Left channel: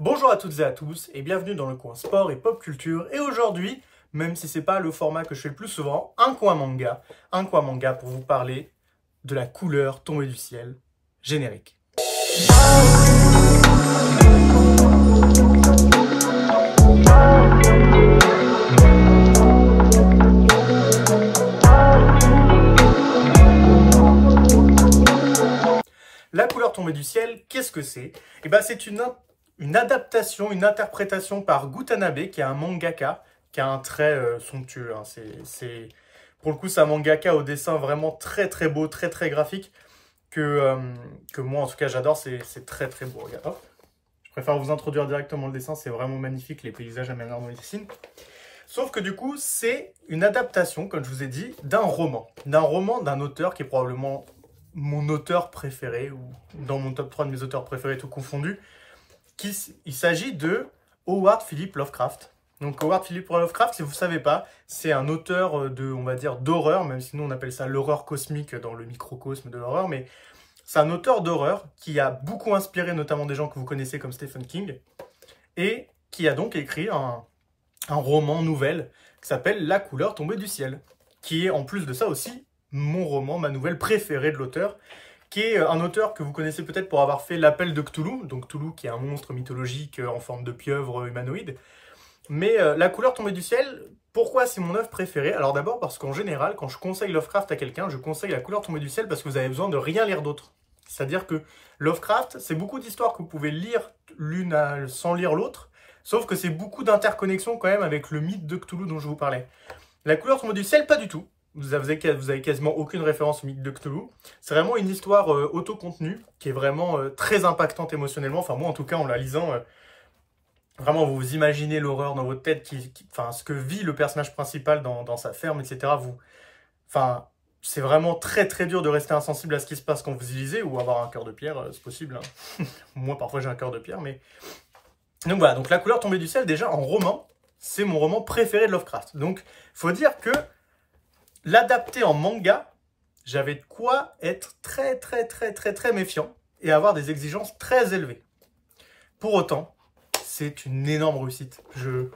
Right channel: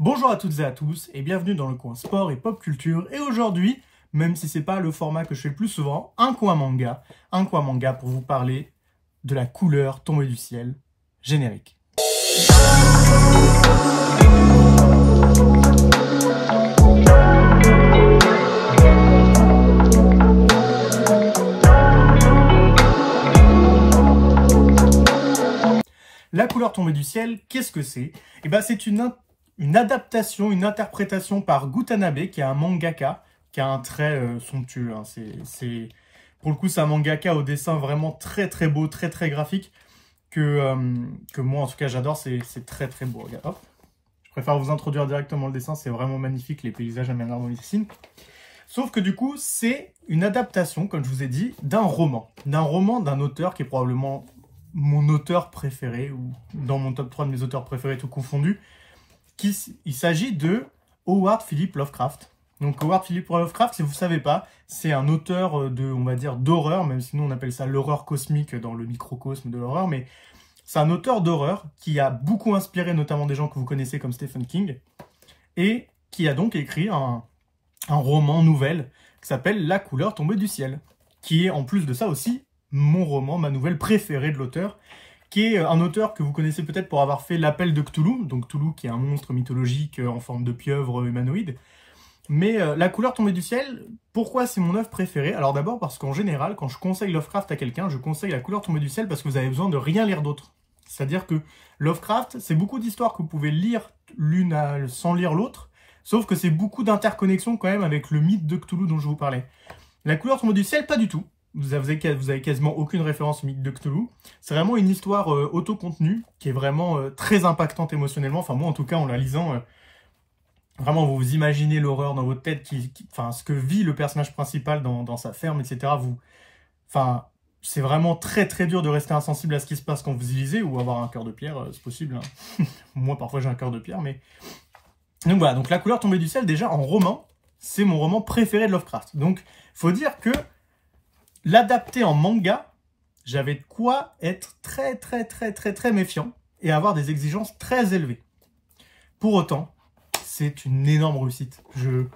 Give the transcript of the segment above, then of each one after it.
Bonjour à toutes et à tous et bienvenue dans le coin sport et pop culture. Et aujourd'hui, même si c'est pas le format que je fais le plus souvent, un coin manga pour vous parler de la couleur tombée du ciel, générique. La couleur tombée du ciel, qu'est-ce que c'est? Eh ben, c'est une adaptation, une interprétation par Gutanabe, qui est un mangaka, qui a un trait somptueux. Hein. Pour le coup, c'est un mangaka au dessin vraiment très très beau, très très graphique, que moi en tout cas j'adore, c'est très très beau. Regarde, hop. Je préfère vous introduire directement le dessin, c'est vraiment magnifique, les paysages à manière dont il dessine. Sauf que du coup, c'est une adaptation, comme je vous ai dit, d'un roman d'un auteur qui est probablement mon auteur préféré, ou dans mon top 3 de mes auteurs préférés, tout confondu. Il s'agit de Howard Philip Lovecraft. Donc Howard Philip Lovecraft, si vous ne savez pas, c'est un auteur on va dire, d'horreur, même si nous on appelle ça l'horreur cosmique dans le microcosme de l'horreur, mais c'est un auteur d'horreur qui a beaucoup inspiré notamment des gens que vous connaissez comme Stephen King, et qui a donc écrit un roman nouvelle qui s'appelle La couleur tombée du ciel, qui est en plus de ça aussi mon roman, ma nouvelle préférée de l'auteur, qui est un auteur que vous connaissez peut-être pour avoir fait L'Appel de Cthulhu, donc Cthulhu qui est un monstre mythologique en forme de pieuvre humanoïde. Mais La couleur tombée du ciel, pourquoi c'est mon œuvre préférée? Alors d'abord parce qu'en général, quand je conseille Lovecraft à quelqu'un, je conseille La couleur tombée du ciel parce que vous avez besoin de rien lire d'autre. C'est-à-dire que Lovecraft, c'est beaucoup d'histoires que vous pouvez lire l'une sans lire l'autre, sauf que c'est beaucoup d'interconnexions quand même avec le mythe de Cthulhu dont je vous parlais. La couleur tombée du ciel, pas du tout. Vous avez quasiment aucune référence au mythe de Cthulhu. C'est vraiment une histoire auto-contenue qui est vraiment très impactante émotionnellement. Enfin, moi, en tout cas, en la lisant, vraiment, vous vous imaginez l'horreur dans votre tête, enfin, ce que vit le personnage principal dans sa ferme, etc. Enfin, c'est vraiment très, très dur de rester insensible à ce qui se passe quand vous y lisez, ou avoir un cœur de pierre, c'est possible. Hein. Moi, parfois, j'ai un cœur de pierre, mais... Donc voilà, donc La couleur tombée du ciel, déjà, en roman, c'est mon roman préféré de Lovecraft. Donc, il faut dire que l'adapter en manga, j'avais de quoi être très très très très très méfiant et avoir des exigences très élevées. Pour autant, c'est une énorme réussite. Je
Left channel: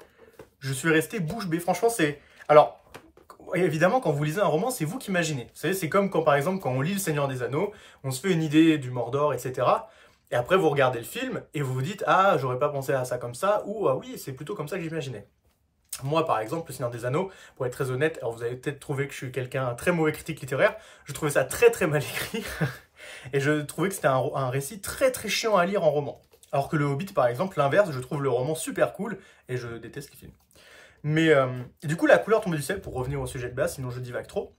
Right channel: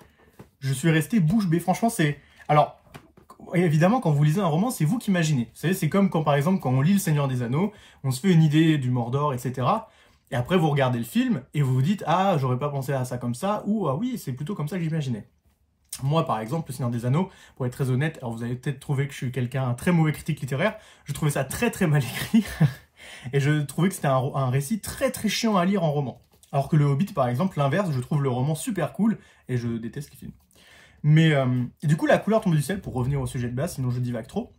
suis resté bouche bée. Franchement, c'est... Alors, évidemment, quand vous lisez un roman, c'est vous qui imaginez. Vous savez, c'est comme quand, par exemple, quand on lit Le Seigneur des Anneaux, on se fait une idée du Mordor, etc. Et après, vous regardez le film et vous vous dites « Ah, j'aurais pas pensé à ça comme ça » ou « Ah oui, c'est plutôt comme ça que j'imaginais ». Moi, par exemple, Le Seigneur des Anneaux, pour être très honnête, alors vous avez peut-être trouvé que je suis un très mauvais critique littéraire, je trouvais ça très très mal écrit, et je trouvais que c'était un récit très très chiant à lire en roman. Alors que Le Hobbit, par exemple, l'inverse, je trouve le roman super cool, et je déteste les films. Mais du coup, La couleur tombée du ciel, pour revenir au sujet de base, sinon je divague trop.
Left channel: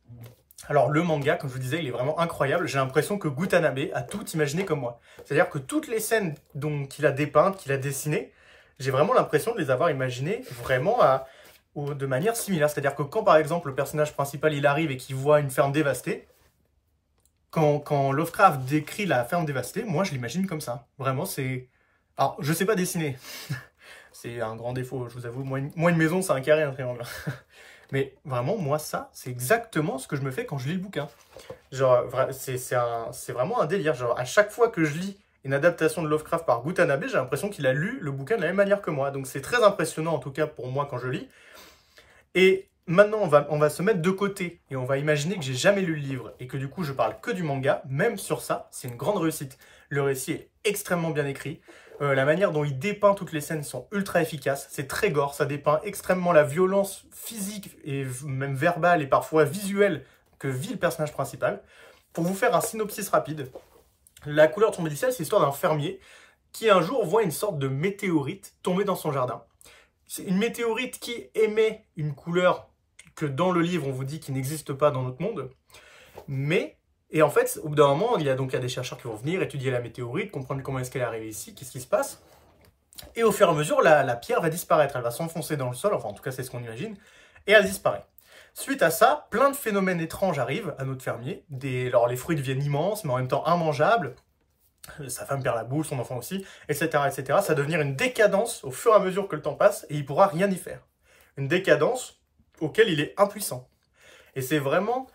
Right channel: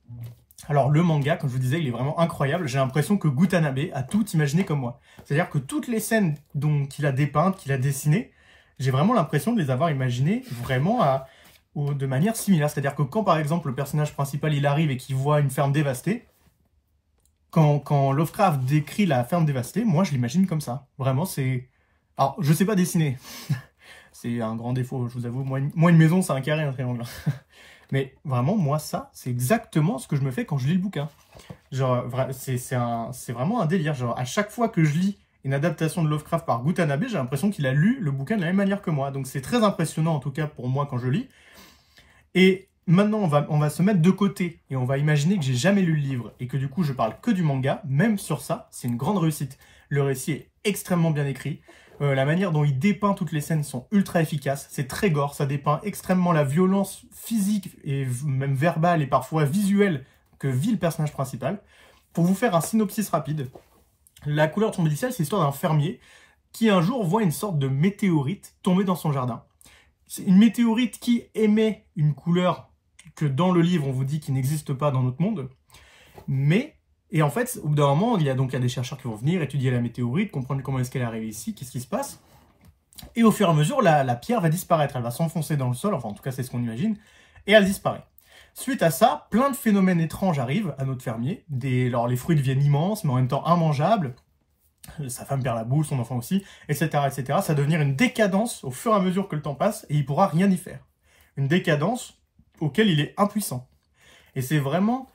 Alors le manga, comme je vous disais, il est vraiment incroyable, j'ai l'impression que Gutanabe a tout imaginé comme moi. C'est-à-dire que toutes les scènes qu'il a dépeintes, qu'il a dessinées, j'ai vraiment l'impression de les avoir imaginées vraiment de manière similaire. C'est-à-dire que quand, par exemple, le personnage principal, il arrive et qu'il voit une ferme dévastée, quand Lovecraft décrit la ferme dévastée, moi, je l'imagine comme ça. Vraiment, c'est... Alors, je sais pas dessiner. C'est un grand défaut, je vous avoue. Moi, une maison, c'est un carré, un triangle. Mais vraiment, moi, ça, c'est exactement ce que je me fais quand je lis le bouquin. Genre, c'est vraiment un délire. Genre, à chaque fois que je lis une adaptation de Lovecraft par Gutanabe, j'ai l'impression qu'il a lu le bouquin de la même manière que moi. Donc c'est très impressionnant, en tout cas pour moi, quand je lis. Et maintenant, on va se mettre de côté et on va imaginer que j'ai jamais lu le livre et que du coup, je parle que du manga. Même sur ça, c'est une grande réussite. Le récit est extrêmement bien écrit. La manière dont il dépeint toutes les scènes sont ultra efficaces. C'est très gore, ça dépeint extrêmement la violence physique et même verbale et parfois visuelle que vit le personnage principal. Pour vous faire un synopsis rapide, La couleur tombée du ciel, c'est l'histoire d'un fermier qui un jour voit une sorte de météorite tomber dans son jardin. C'est une météorite qui émet une couleur que dans le livre on vous dit qu'il n'existe pas dans notre monde. Et en fait, au bout d'un moment, il y a des chercheurs qui vont venir étudier la météorite, comprendre comment est-ce qu'elle est arrivée ici, qu'est-ce qui se passe. Et au fur et à mesure, la pierre va disparaître, elle va s'enfoncer dans le sol, enfin en tout cas c'est ce qu'on imagine, et elle disparaît. Suite à ça, plein de phénomènes étranges arrivent à notre fermier. Alors les fruits deviennent immenses, mais en même temps immangeables. Sa femme perd la boule, son enfant aussi, etc., etc. Ça va devenir une décadence au fur et à mesure que le temps passe, et il ne pourra rien y faire. Une décadence auquel il est impuissant. Et c'est vraiment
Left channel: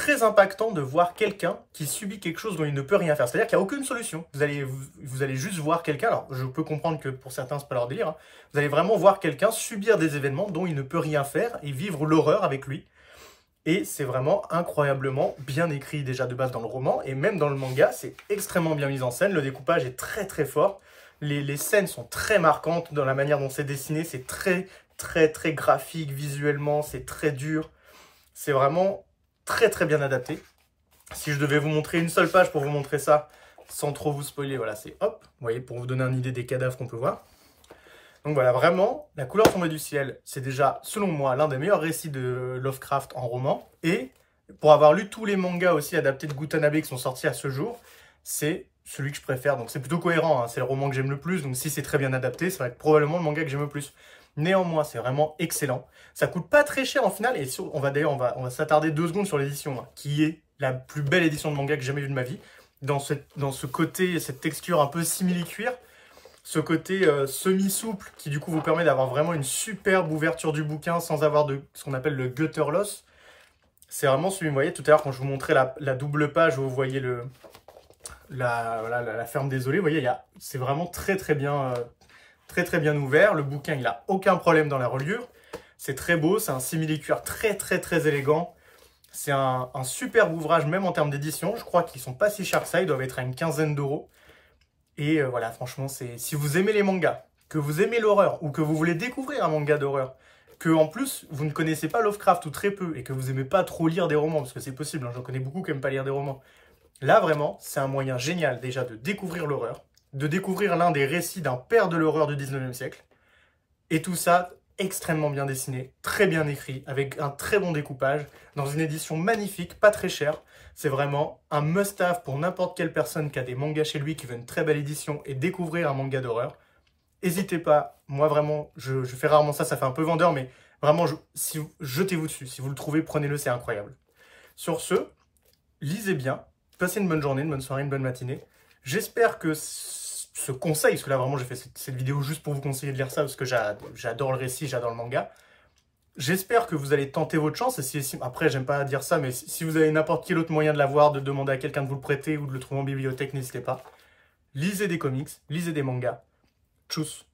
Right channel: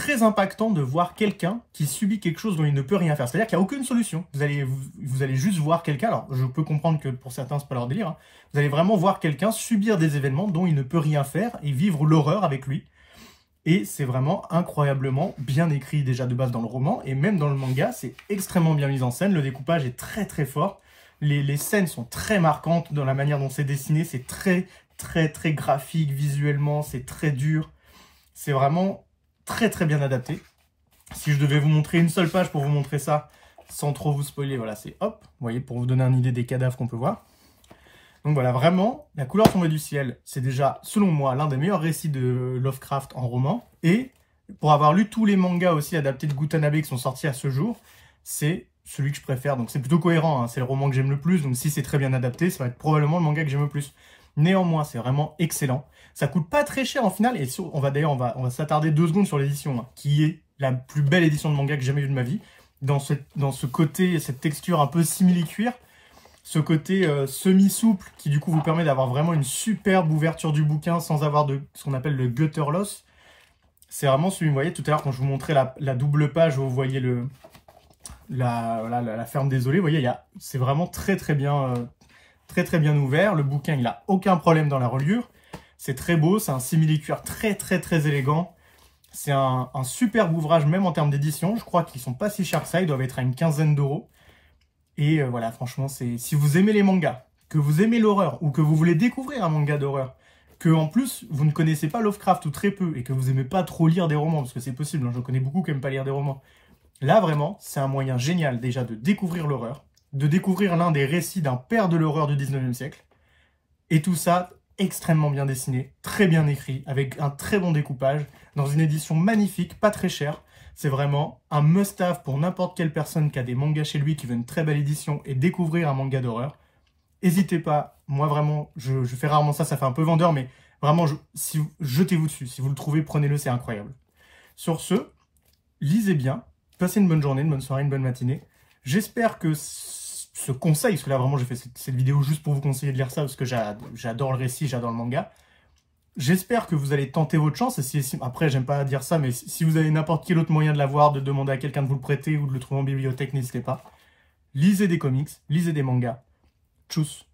très impactant de voir quelqu'un qui subit quelque chose dont il ne peut rien faire. C'est-à-dire qu'il n'y a aucune solution. Vous allez juste voir quelqu'un, alors je peux comprendre que pour certains, c'est pas leur délire, hein. Vous allez vraiment voir quelqu'un subir des événements dont il ne peut rien faire et vivre l'horreur avec lui. Et c'est vraiment incroyablement bien écrit déjà de base dans le roman, et même dans le manga, c'est extrêmement bien mis en scène, le découpage est très très fort, les scènes sont très marquantes dans la manière dont c'est dessiné, c'est très très très graphique visuellement, c'est très dur, c'est vraiment très très bien adapté. Si je devais vous montrer une seule page pour vous montrer ça, sans trop vous spoiler, voilà, c'est hop, vous voyez, pour vous donner une idée des cadavres qu'on peut voir. Donc voilà, vraiment, La couleur tombée du ciel, c'est déjà, selon moi, l'un des meilleurs récits de Lovecraft en roman. Et pour avoir lu tous les mangas aussi adaptés de Gutanabe qui sont sortis à ce jour, c'est celui que je préfère. Donc c'est plutôt cohérent, hein. C'est le roman que j'aime le plus. Donc si c'est très bien adapté, ça va être probablement le manga que j'aime le plus. Néanmoins, c'est vraiment excellent. Ça coûte pas très cher en final. Et on va s'attarder 2 secondes sur l'édition, hein, qui est la plus belle édition de manga que j'ai jamais vue de ma vie. Dans ce côté, cette texture un peu simili-cuir. Ce côté semi-souple qui du coup vous permet d'avoir vraiment une superbe ouverture du bouquin sans avoir de ce qu'on appelle le gutter loss. C'est vraiment celui, vous voyez tout à l'heure quand je vous montrais la double page où vous voyez la ferme désolée, vous voyez, c'est vraiment très très bien ouvert. Le bouquin il a aucun problème dans la reliure. C'est très beau, c'est un simili-cuir très très très élégant. C'est un superbe ouvrage même en termes d'édition. Je crois qu'ils sont pas si chers que ça, ils doivent être à une quinzaine d'euros. Et voilà, franchement, si vous aimez les mangas, que vous aimez l'horreur, ou que vous voulez découvrir un manga d'horreur, que en plus, vous ne connaissez pas Lovecraft ou très peu, et que vous aimez pas trop lire des romans, parce que c'est possible, hein, je connais beaucoup qui n'aiment pas lire des romans. Là, vraiment, c'est un moyen génial déjà de découvrir l'horreur, de découvrir l'un des récits d'un père de l'horreur du 19e siècle, et tout ça extrêmement bien dessiné, très bien écrit, avec un très bon découpage, dans une édition magnifique, pas très chère. C'est vraiment un must-have pour n'importe quelle personne qui a des mangas chez lui, qui veut une très belle édition et découvrir un manga d'horreur. N'hésitez pas, moi vraiment, je fais rarement ça, ça fait un peu vendeur, mais vraiment, jetez-vous dessus. Si vous le trouvez, prenez-le, c'est incroyable. Sur ce, lisez bien, passez une bonne journée, une bonne soirée, une bonne matinée. J'espère que ce conseil, parce que là vraiment j'ai fait cette vidéo juste pour vous conseiller de lire ça, parce que j'adore le récit, j'adore le manga. J'espère que vous allez tenter votre chance, et après j'aime pas dire ça, mais si vous avez n'importe quel autre moyen de l'avoir, de demander à quelqu'un de vous le prêter ou de le trouver en bibliothèque, n'hésitez pas. Lisez des comics, lisez des mangas. Tchuss.